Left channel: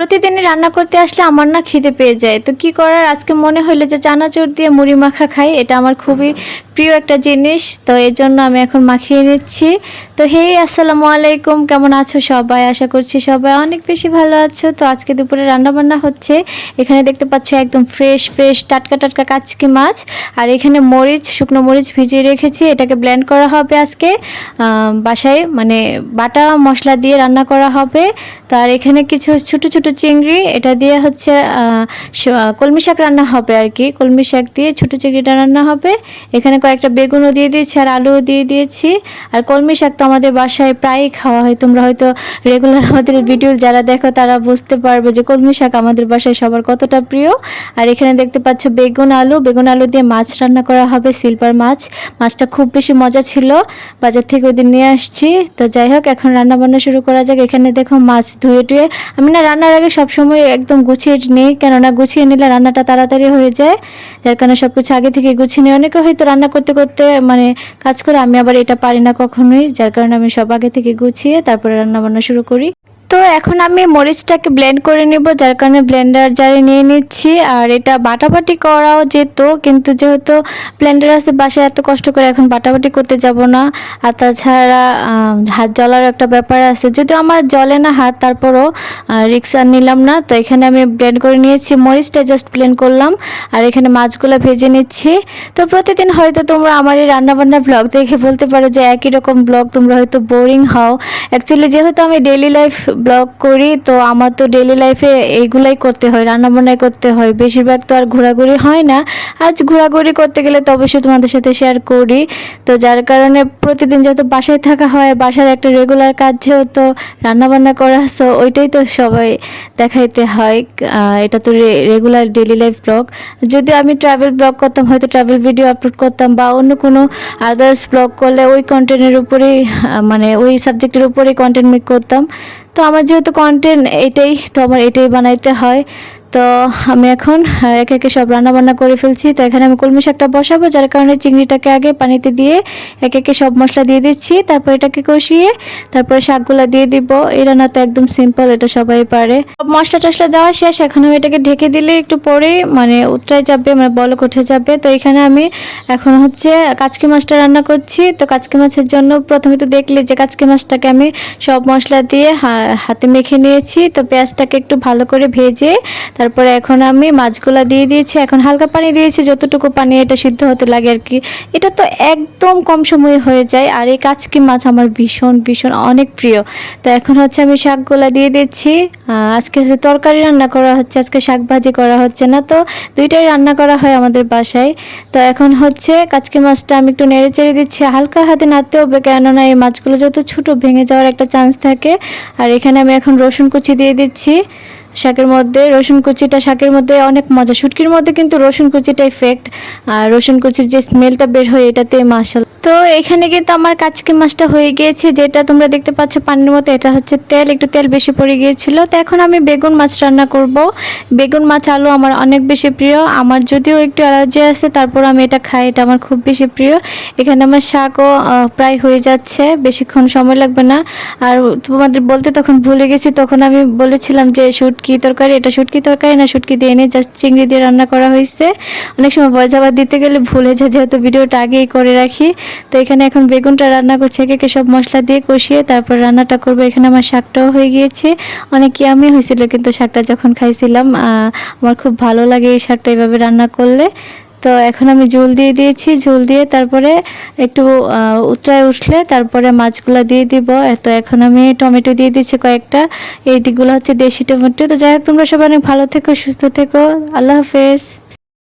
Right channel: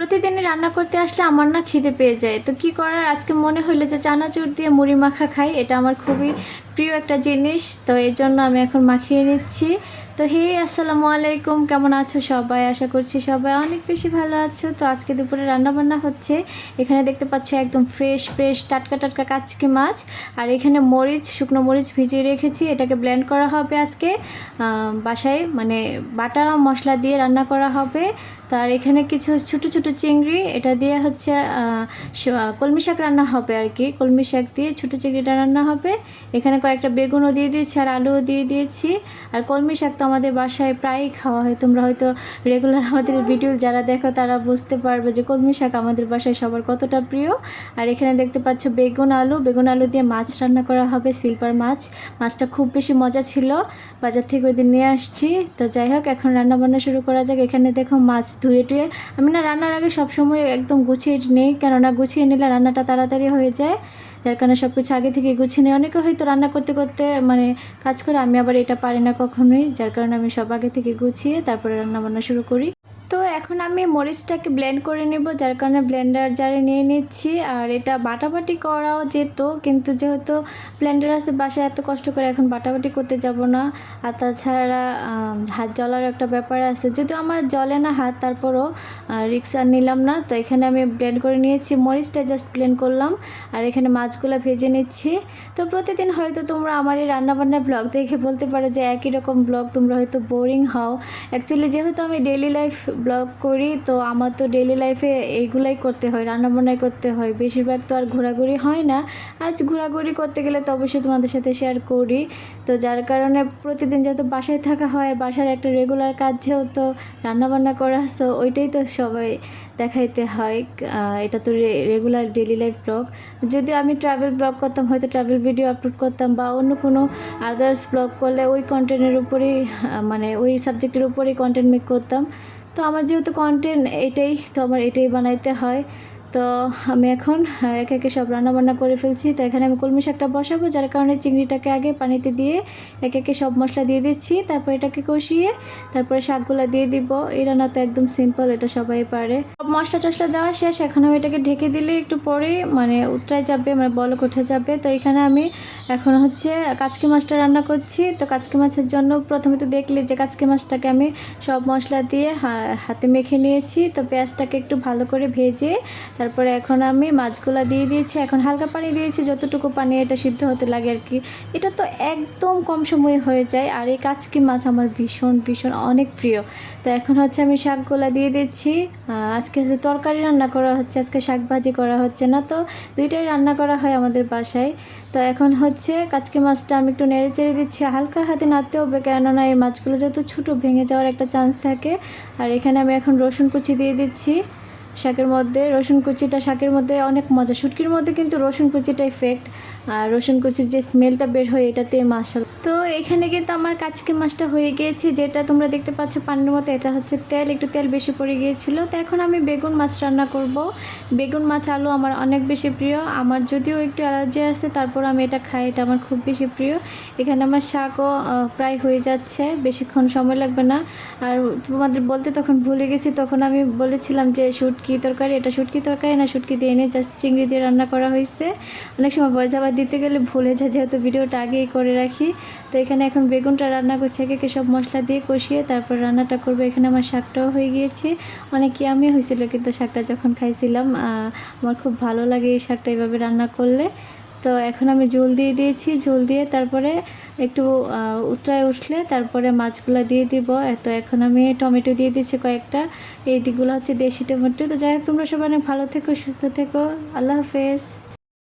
প্রতিদিনই রান্না করতে আসলে আমার না খিদে পেয়ে যায়। তো কি করার? আজকে মনে হলো যে চানাচুর দিয়ে মুড়ি মাখা খাই, এটা আমার খুবই প্রিয় একটা জিনিস, তো এই জন্য আমি এখন মাখিয়ে নিচ্ছি। তো হে, আসসালামু আলাইকুম, কেমন আছো সবাই? আশা করছি সবাই অনেক বেশি ভালো আছো। তো আজকে দুপুরে রান্না বান্না হচ্ছে। এখানে দেখতে পাচ্ছ একদম ফ্রেশ ফ্রেশ টাটকা টাটকা কাচকি মাছ। আর এখানে মরিচ, শুকনো মরিচ ভিজিয়ে রেখেছি। এটাকে ব্লেন্ড করা হবে আজকে। বাসায় মানে বাটা মশলা দিয়ে রান্না করা হবে। তার এখানে কিছু ছোট ছোট চিংড়ি, এটা দিয়ে হচ্ছে কলমি শাক রান্না হবে আর কি। কলমি শাক দিয়ে ছোট চিংড়িটা রান্না হবে। এখানে কয়েকটা বেগুনও দিয়ে দিয়েছি আর আলুও দিয়ে দিয়েছি। আর কলমি শাক তো আমাদের বাসায় প্রায়ই খাওয়া হয়। তোমরা হয়তো রেগুলার আমাদের ভিডিও যারা দেখো তারা বুঝতে পারবে যে কলমি শাক আমাদের বাসায় সবার কতটা প্রিয়। আর এখানে দেখতে পাচ্ছ বেগুন আলু। বেগুন আলু দিয়ে মাছ রান্না করা হবে সিলভার মাছ। মাছটা খুব বেশি মজা ছিল। বাজার থেকে ওই নিয়ে আসছি। তো যাই হোক, এখন রান্না বান্না শুরু করা যাক। এখানে দেখো মাছ ধুয়ে টুয়ে আমি না রান্নার আগে সবসময় একদম গুছিয়ে নিই। কেননা গুছিয়ে নিলে রান্নাটা তাড়াতাড়ি হয়ে যায়। যার কারণে সব কিছু আগে থেকে গুছিয়ে নিই অনেকে হয়তো রান্না করতে করতে মানে কাজ করে আমি আবার এটা পারি না কখনোই, যার কারণে আমি সব আগে থেকে গুছিয়ে তারপরে রান্না বান্না শুরু করি। তো এখন আমি মরিচটাকে ব্লেন্ড করে নেব, যার কারণে ব্লেন্ডার জারে নিয়ে নিচ্ছি। আর এটা বাটাবাটি করাও যেত, কিন্তু যেহেতু ব্লেন্ডার আছে, বাসায় এত কষ্ট করে এখন বাটাবাটি করতে যাব না। আর তাছাড়া হাত জ্বলার একটা ব্যাপার আছে। যদিও আমার জলে না হাত, তারপরও রিক্স আর নিলাম না। তো এখানে আমি ব্লেন্ড করে নিয়েছি, মরিচটা জাস্ট ব্লেন্ড করলাম। আর এখানে মাছগুলো ভেজে নিচ্ছি। তো প্রতিদিন হয়তো তোমরা আমার এই রান্নাবান্না ব্লগ দেখে বলতে পারো যে একই রকম ব্লগ তোমরা হয়তো বোরিং হও। অ্যাকচুয়ালি যেহেতু আমি ডেলি লাইফ ব্লগ করি, তো আমার তো ডেলি লাইফে এইগুলাই করতে হয়, রান্নাবান্নাই করতে হয়। বেশিরভাগ তো আর ঘোরাঘুরি হয় না। আজ ঘোরাঘুরি করতে গেলে তো অবশ্যই তোমাদের সাথে শেয়ার করি। তো যার কারণে প্রতিদিন যেহেতু বাসায় থাকা হয়, বাসার একটা রেগুলার কাজ যেহেতু রান্নাবান্না করা সো ওইটাই তো সবাই দেখাইতে হয়। এটা তো রেগুলার ডেলি লাইফ ব্লগ যদি আমি ট্রাভেল ব্লগ করতাম, হয়তো ট্রাভেল ভিডিও আপলোড করতাম বা অন্য কোনো আদার্স ব্লগ করলে ওই কন্টেন্টের উপরেই মানে ওই সাবজেক্টের উপরেই কন্টেন্ট মেক করতাম। তো আমার যেহেতু কন্টেন্ট এটাই তো আমার এটাই বানাইতে হয়। তো আমি এখন একে একে সব রান্না বান্না করে ফেলছি। তো এখানে আমি কলমি শাকটা বসাবো, যার কারণে চিংড়িটাকে আগে পানিতে দিয়ে একে একে সব মশলা দিয়ে দিচ্ছি। তারপর এটাকে কষিয়ে তারপরে শাকগুলো দিয়ে দিব। এই রান্না তো একদম সিম্পল এটা সবাই পারে। সব মশলা টশলা দেওয়া শেষ। এখন আমি এটাকে ঢেকে দিলে একটু পরেই মানে উতরাই যাবে মানে বলক উঠে যাবে। তো এখানে আমি এখন হচ্ছে কাচকি মাছটা রান্না করছি। তো কাচকি মাছের জন্য প্রথমে তো দেখলে যে কাচকি মাছটাকে আমি সব মশলা দিয়ে হাতে মেখে নিয়েছি। তো পেঁয়াজটাকে একটু ভালো করে ভেজে তারপরে এখন আমি মাছগুলা দিয়ে দিয়েছি, এখন হালকা পানি দিয়েছি, যতটুকু পানি এটা সিদ্ধ হতে লাগে আর কি। এটা তো একদম কম সময়ে হয়ে যায়, আর এই কাচকি মাছ আমার ভীষণ ভীষণ অনেক প্রিয়। তো এখন হচ্ছে আমি শাকগুলা দিয়ে দিচ্ছি। আজকে হচ্ছে তরকারি রান্না করা হচ্ছে, আজকে শাক ভাজি করা হচ্ছে না তো, দুইটাই রান্না করা হয় আমাদের বাসায়। তো এখন হচ্ছে কাচকি মাছটা আমি একটু নেড়ে চেড়ে দিচ্ছি, হালকা হাতে নাড়তে হবে, কেননা এই মাছগুলো যত ছোটো, ভেঙে যাওয়ার একটা চান্স থাকে। আর এখানে আমি এখন রসুন কুচি দিয়ে দিচ্ছি। শাকের মধ্যে, রসুন কুচিটা শাকের মধ্যে অনেক মজা। শুটকির মধ্যে কিন্তু রসুন কুচিটা ইফেক্ট আর রসুন কুচির যে স্মেলটা বের হয় এটাতে মাসাল তো এখানে কিন্তু আমার কাচকি মাছটা হয়ে গিয়েছে, যেটা তোমরা দেখতে পাচ্ছ পানির মতো, এটা হচ্ছে তেল, একটু তেল বেশি পড়ে গিয়েছিল। তো এখন আমি বেগুন মাছ রান্না করব। বেগুন মাছ আলু আমার অনেক বেশি প্রিয়, আমার যদিও একটু অ্যালার্জি আছে, তারপর আমি এটা খাই, এটা আমার খুব বেশি প্রিয়। এখানে আমার শাকও প্রায় হয়ে যাচ্ছে, বেশিক্ষণ সময় লাগবে না। আর তোমাদের বলতে তখন ভুলে গেছি, তখন আমি বলেছিলাম যে শুটকি তরকারি, এটা শুটকি তরকারি না, শুটকি দিয়ে এনে জাস্ট চিংড়ি দিয়ে রান্না করা হয়েছে। অনেক সময় আবার দিতে গেলে ভুলে যায়, যেহেতু ভিডিওটা আগেই করে রাখি। তো এখানে এখন বেগুনটা রান্না করছি, একে সব মশলা দিয়ে কষিয়ে তারপর রান্নাটা করব। এখানে আমার শাকটাও হয়ে গিয়েছে। অনেক ইয়ামি হয়েছিল, কিন্তু শাকটা যখন খাইছিলাম আমার খুব ভালো লাগে এই শাকটা এইভাবে রান্না করলে। তো এখন আমি ঝোল দিয়ে দিয়েছি, ঝোল দিয়ে তারপরে একটু উতরায় উঠলে তারপরে মাছগুলো দিয়ে দিব। তো এখন আমি টমেটো দিয়ে দিচ্ছি কয়েকটা। এইগুলো হচ্ছে দেশি টমেটো। তো যাই হোক, তোমরা সবাই অনেক ভালো থেকো, সুস্থ থেকো। আল্লাহ হাফেজ।